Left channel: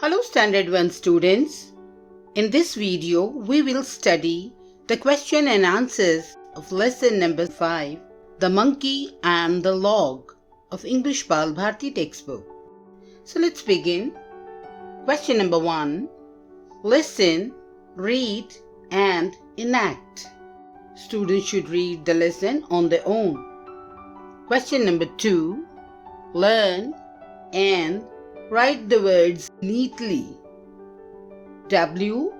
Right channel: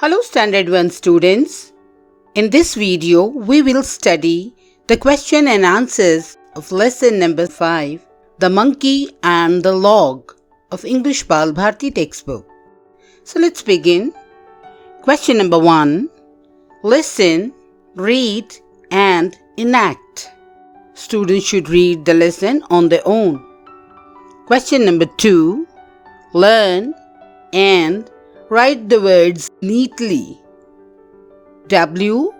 Hello Standard 1 students. In this video, we will study the question and answers of lesson number 5, The Monkey and the Log of English Balbharati textbook. So let's begin. Question number 1. Listen, read and enact. Students should read the lesson on their own. Question number 2. Learn and write the words neatly. W-O-R-K-M-E-N,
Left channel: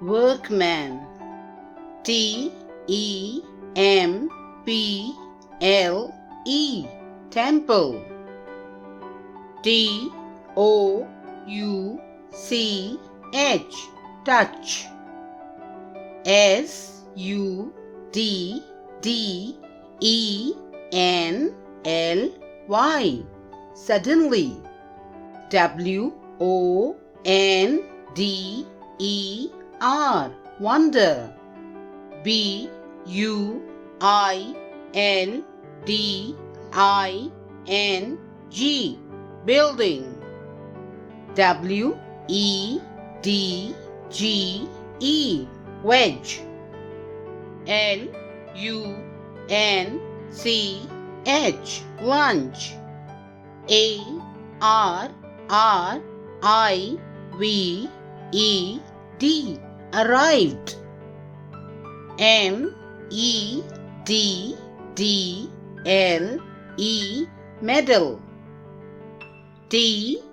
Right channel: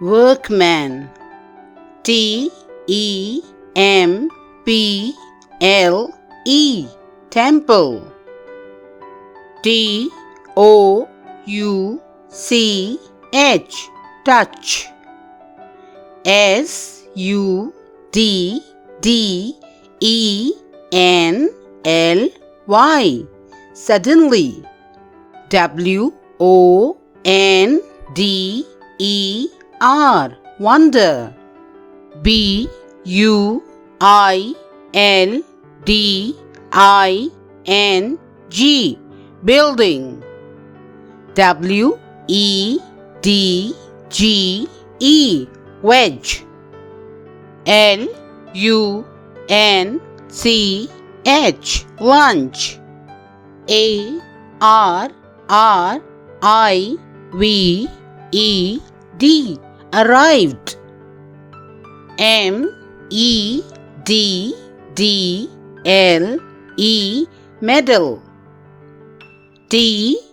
workman. T-E-M-P-L-E, temple. T-O-U-C-H, touch. S-U-D-D-E-N-L-Y, suddenly. W-O-N-D-E-R, wonder. B-U-I-L-D-I-N-G, building. W-E-D-G-E, wedge. L-U-N-C-H, lunch. A-R-R-I-V-E-D, arrived. M-E-D-D-L-E, meddle. T-R-A-P-P-I-N-G,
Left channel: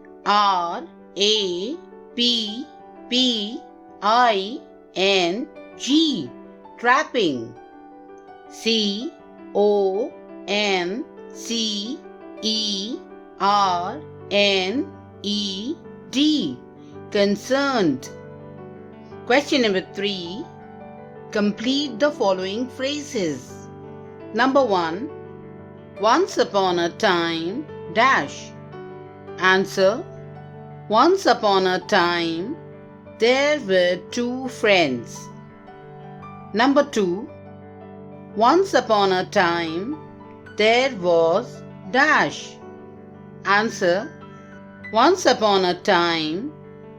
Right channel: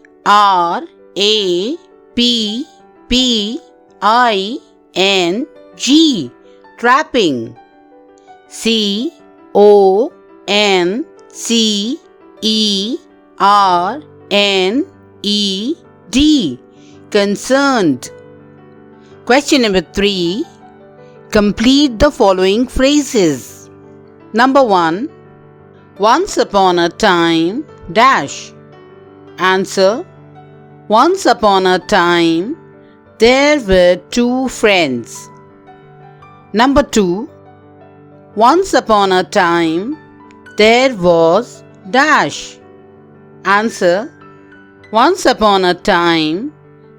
trapping. C-O-N-C-E-R-N-E-D, concerned. Question number 3. Complete the following phrases. Number 1. Once upon a time, dash. Answer. Once upon a time, there were two friends. Number 2. Once upon a time, there was dash. Answer. Once upon a time,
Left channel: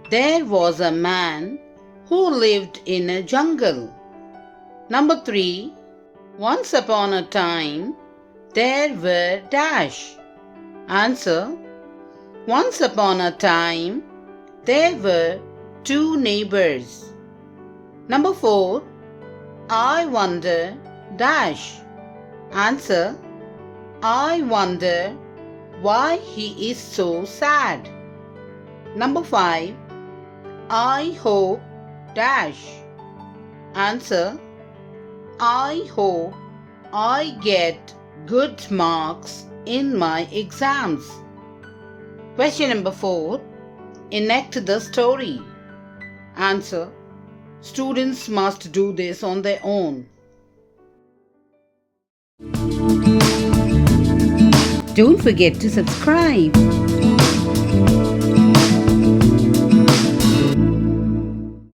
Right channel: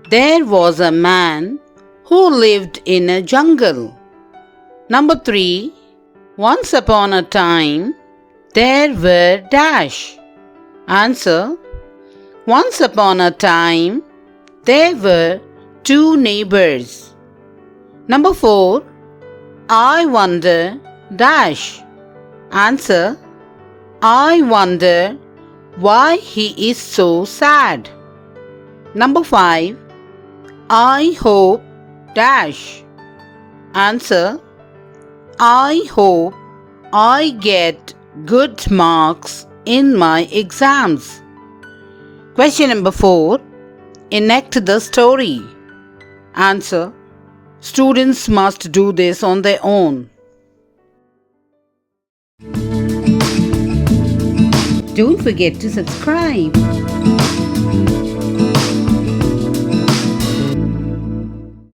there was a man who lived in a jungle. Number 3. Once upon a time, there were dash. Answer. Once upon a time, there were two neighbors. Number 4. I wonder dash. Answer. I wonder why he is so sad. Number 5. I hope dash. Answer. I hope I get good marks in my exams. Question number 4. Enact the story. Answer. Students must do this on their own. Don't forget to subscribe.